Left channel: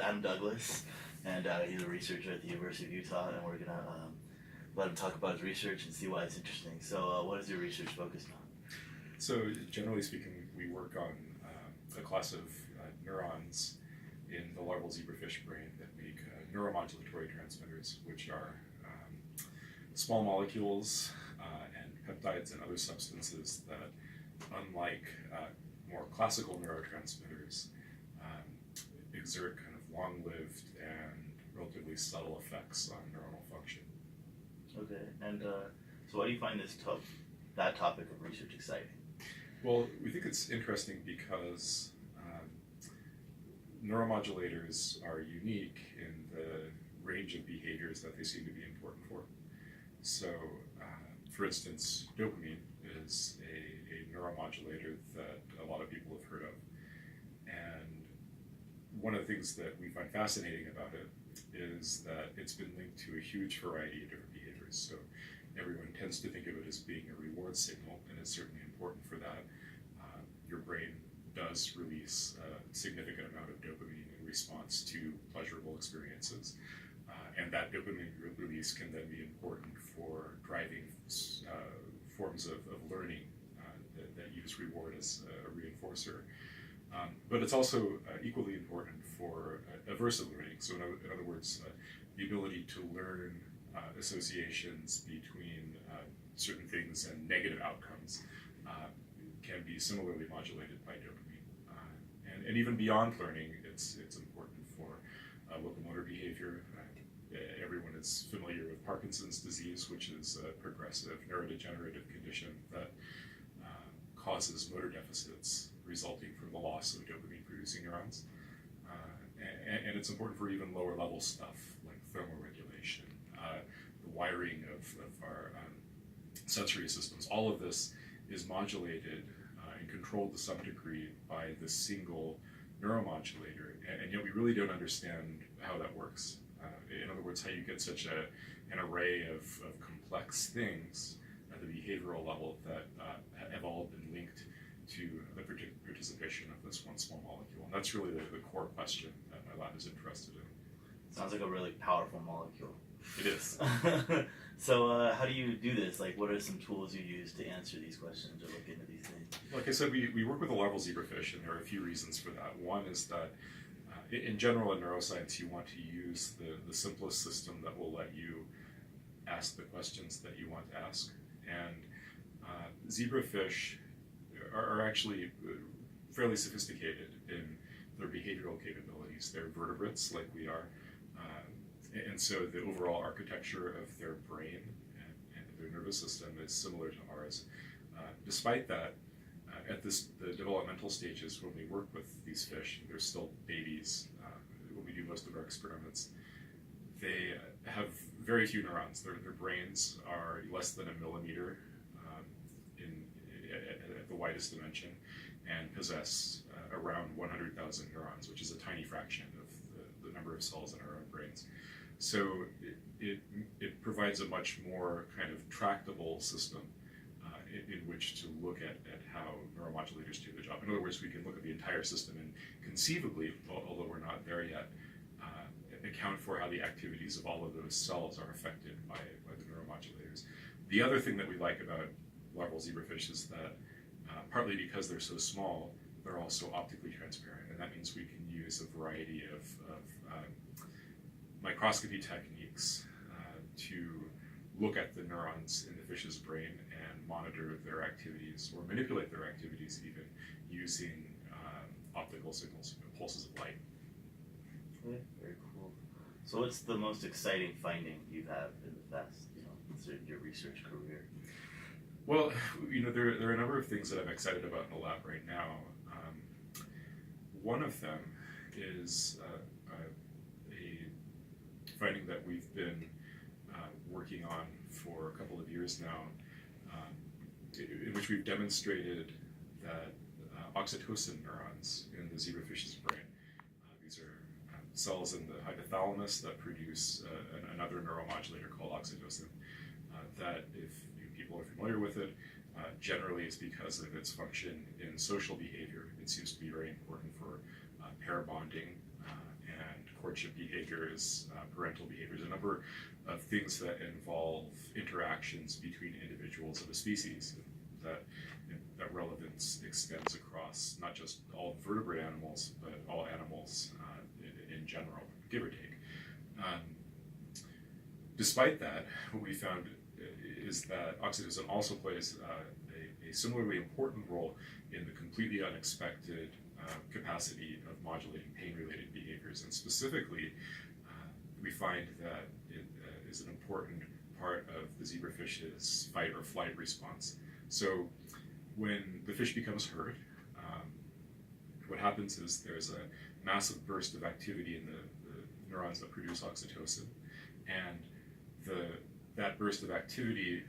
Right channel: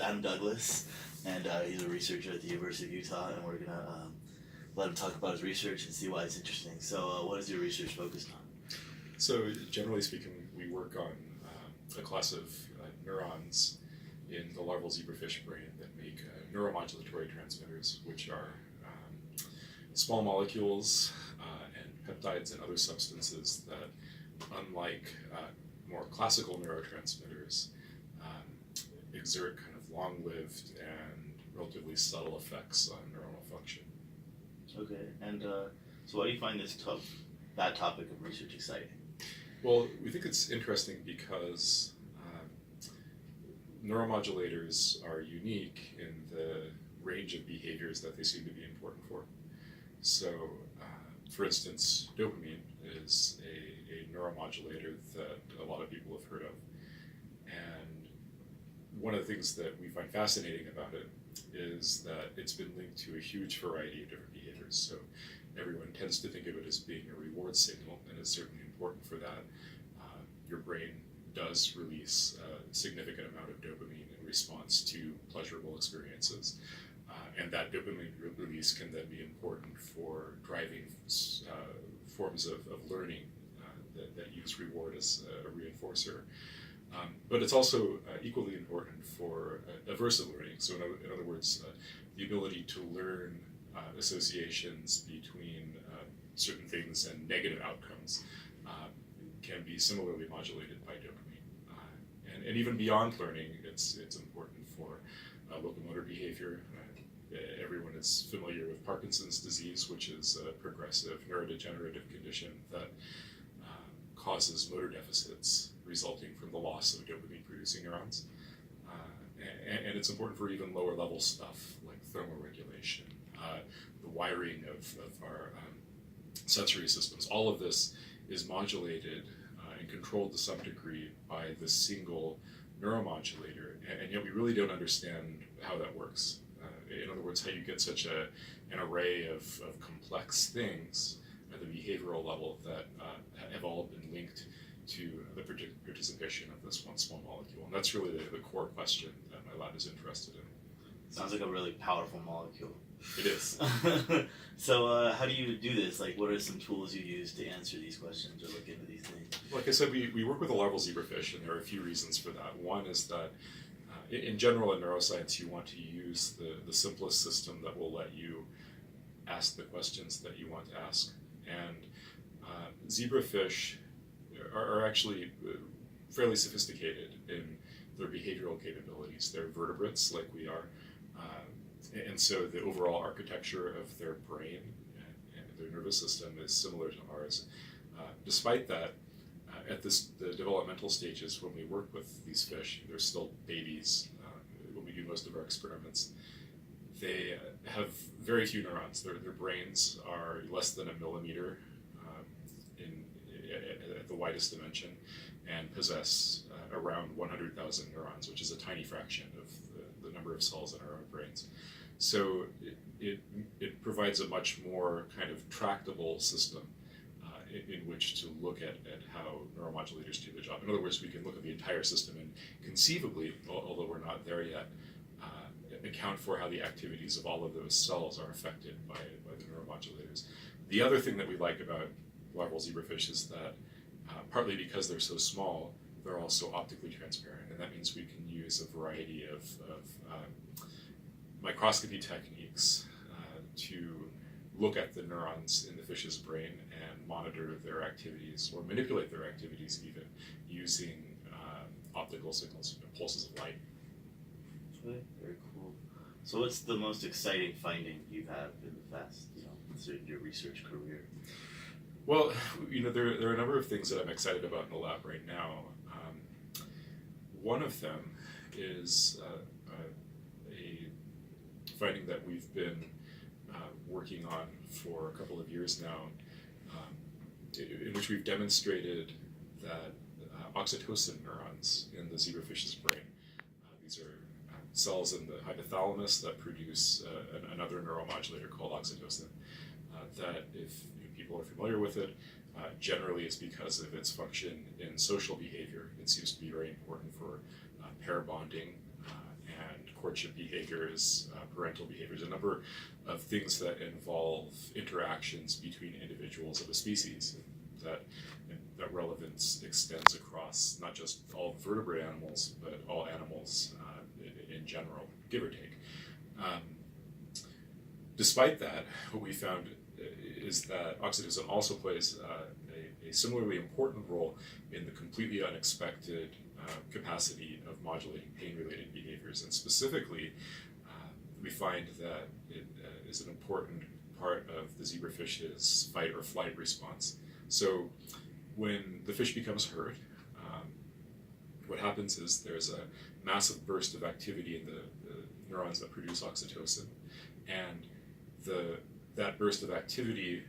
Adam Douglas, and he's a researcher at the University of Utah, and we're gonna let him talk about his research and see why it's interesting. So, what is your research focused on? So, generally speaking, we work on a class of neurons in the larval zebrafish brain that make neuromodulatory transmitters, which are small molecules and peptides and other substances that, unlike more classical neurotransmitters, exert kind of long-lived and relatively subtle effects on neuronal function. Okay, and so why do you find that topic of research exciting? Well, we think it's interesting because neuromodulators are unique in the range of behaviors that they seem to be important for. So, for instance, dopamine is a neuromodulator that a lot of people have heard of. And one of the things that we find fascinating about it is that it's been linked to a huge variety of different behaviors. So everyone tends to think of it as being a reward signal, and it's certainly important for that. Your brain does release a significant amount of dopamine in response to pleasurable experiences. And that dopamine release can then be important for driving forms of learning that use reward as a reinforcer. But it's also equally important for aversive learning. So in other words, the ability to learn associations between certain things and negative outcomes can be similarly modulated by dopamine. And even beyond learning, it's important for locomotor behavior. Everyone is familiar with Parkinson's disease, which is a progressive neurodegenerative condition that causes motor deficits resulting from the loss of dopamine-producing neurons. And it's important for even lower-level stuff like thermoregulation, the wiring of our sensory systems. All of this is modulated and controlled to some degree by this single neuromodulator, and yet we really don't understand how that works. In other words, how you get such an array of complex things at the behavioral level that have all been linked to the participation of this one small molecule. And that's really the core question that my lab is interested in. Sounds like a really powerful molecule. It is. So how do you do this? Like, what are some tools you use to answer these questions or look into these things? Like I said, we work with a larval zebrafish, and there are a few reasons for that. One is that in general in neuroscience, you want to use the simplest system that will let you ask the questions that you want to ask. And zebrafish are actually fairly sophisticated in their behavioral capabilities. They're vertebrates like we are. And so the overall architecture of their brain and their nervous system is similar to ours. Despite that, at the developmental stages, when we work with these fish, they're still babies when we do most of our experiments, they have very few neurons. Their brains are less than a millimeter at the widest dimension and possess around 100,000 neurons, which is a tiny fraction of the number of cells in our own brains. So it provides a much more kind of tractable system in which to look at how neuromodulators do their job. In other words, we can look at the entire system and conceivably, although we're not there yet, account for how the activities of all of those cells are affected by the neuromodulators. The other thing that we like about larval zebrafish is that partly because they're so small, they're also optically transparent, and that means we can use a variety of microscopy techniques to look at the neurons in the fish's brain and monitor their activities or manipulate their activities even using optical signals, pulses of light. Okay, very cool. So what's the most exciting finding you've had in the past, your research career? Well, there are a number of things that I'm excited about in the lab right now. One of them is a finding that we've been working on for a couple of years now, in which we've demonstrated that oxytocin neurons in the zebrafish's brain, these are cells in the hypothalamus that produce another neuromodulator called oxytocin, that if people are familiar with it, generally it's because of its function in social behavior. It seems to be very important for pair bonding and courtship behaviors, parental behaviors, a number of things that involve interactions between individuals of a species. That relevance extends across not just all vertebrate animals, but all animals in general, give or take. Despite that, what we found is that oxytocin also plays a similarly important role in the completely unexpected capacity of modulating pain-related behaviors. And specifically, we find that it is an important part of the zebrafish's fight or flight response. So when the fish becomes hurt, what happens is there's a massive burst of activity in the neurons that produce oxytocin, and that burst of activity,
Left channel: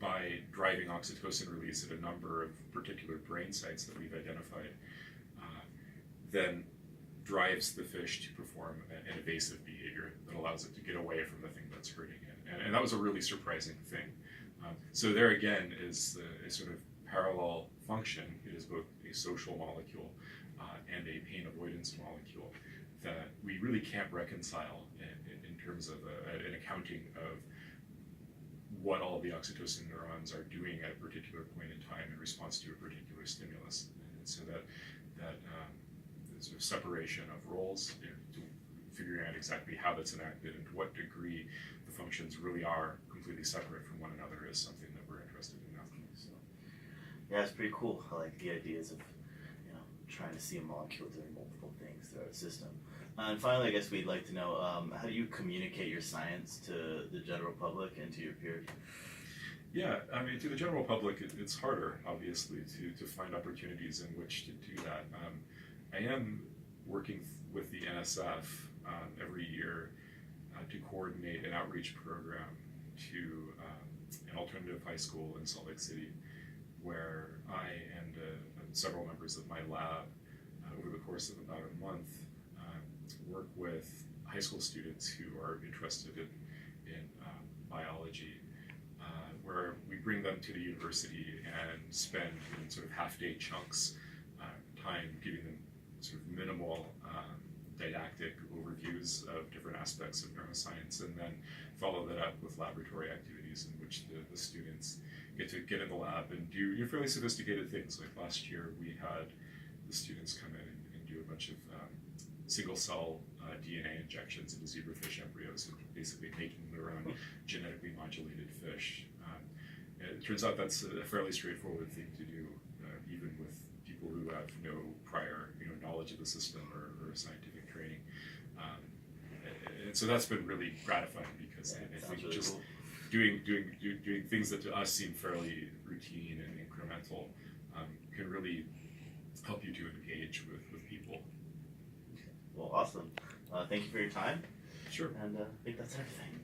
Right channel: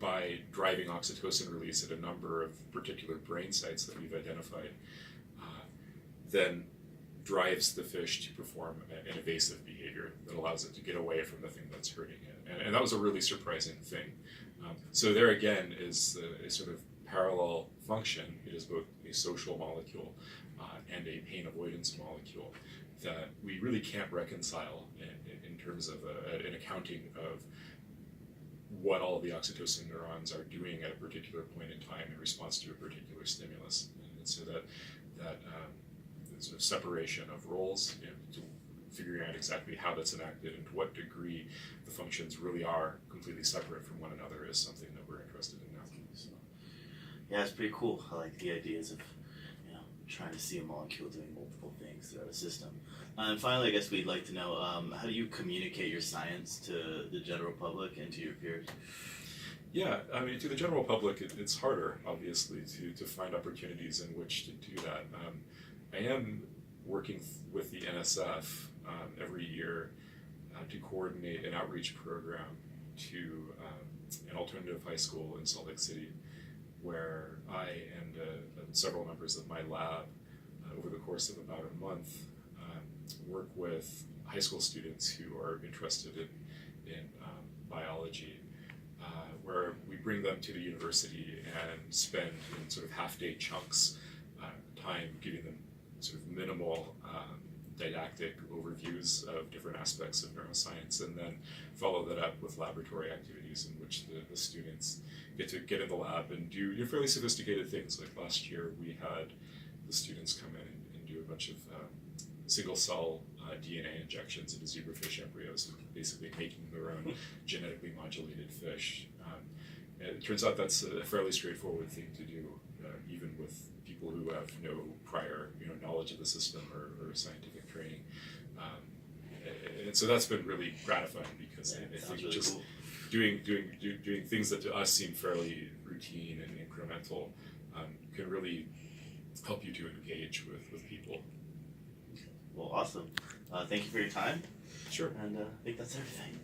by driving oxytocin release at a number of particular brain sites that we've identified, then drives the fish to perform an evasive behavior that allows it to get away from the thing that's hurting it. And that was a really surprising thing. So there again is a sort of parallel function. It is both a social molecule and a pain avoidance molecule that we really can't reconcile in terms of an accounting of what all the oxytocin neurons are doing at a particular point in time in response to a particular stimulus. And so that sort of separation of roles, to figuring out exactly how that's enacted and to what degree the functions really are completely separate from one another is something that we're interested in now. So, yeah, it's pretty cool. I like the ideas of trying to see a molecule doing multiple things throughout a system. And finally, I guess we'd like to know, how do you communicate your science to the general public and to your peers? Yeah, I mean, to the general public, it's harder, obviously, to find opportunities in which to do that. I am working with the NSF every year to coordinate an outreach program to an alternative high school in Salt Lake City, where I and several members of my lab, over the course of about a month, work with high school students who are interested in biology, where we bring them to the university and spend in sort of half-day chunks time giving them sort of minimal didactic overviews of different aspects of neuroscience, and then follow that up with laboratory activities in which the students get to get in the lab and do fairly sophisticated things. Like last year, we had the students come in and do a bunch of single-cell DNA injections into zebrafish embryos, basically making their own genetically modulated fish. It turns out that's a fairly straightforward thing to do, even with people who have no prior knowledge of the system or scientific training. And so that's been really gratifying, because I think really just cool. doing things that to us seem fairly routine and incremental can really help you to engage with people. Well, awesome. Thank you for your time. Sure. And I think that's everything.